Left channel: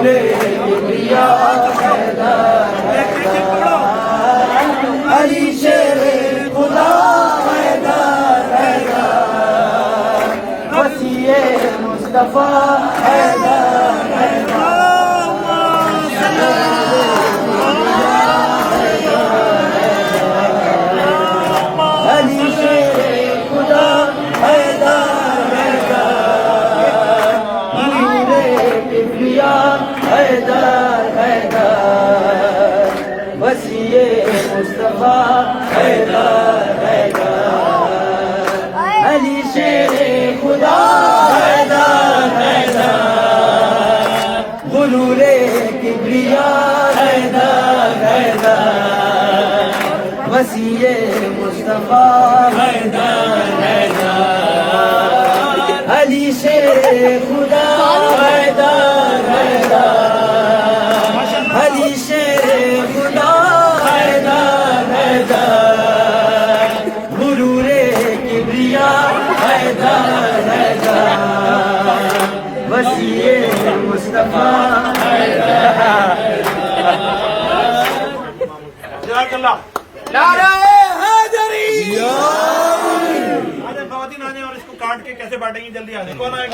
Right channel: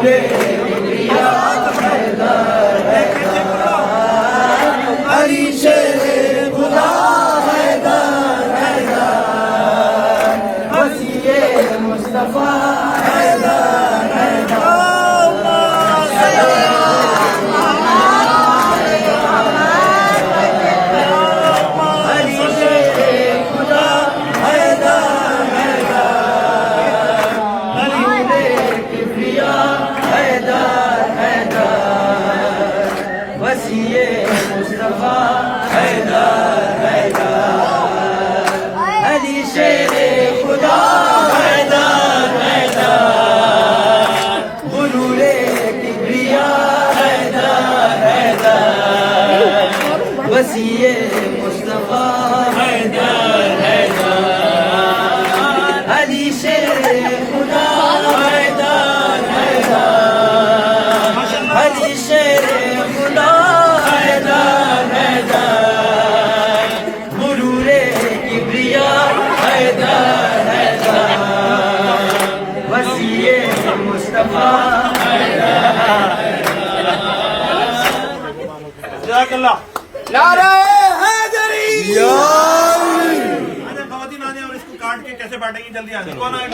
गुरूरे किबरिया अली शेरे खुदा हैदर हैदर वसीए मुस्तफा हैदर हैदर अली शेरे खुदा हैदर हैदर अली किबरिया हैदर हैदर वसीए मुस्तफा हैदर हैदर अली शेरे खुदा हैदर हैदर गुरूरे किबरिया हैदर हैदर वसीए मुस्तफा हैदर हैदर अली शेरे खुदा हैदर हैदर अली शेरे खुदा हैदर हैदर गुरूरे किबरिया हैदर हैदर वसीए मुस्तफा नारे हैदरी आज खवातीन आने और इसको काट के कैसे बांटेंगे जल्दी आ जाए। कौन आएगा?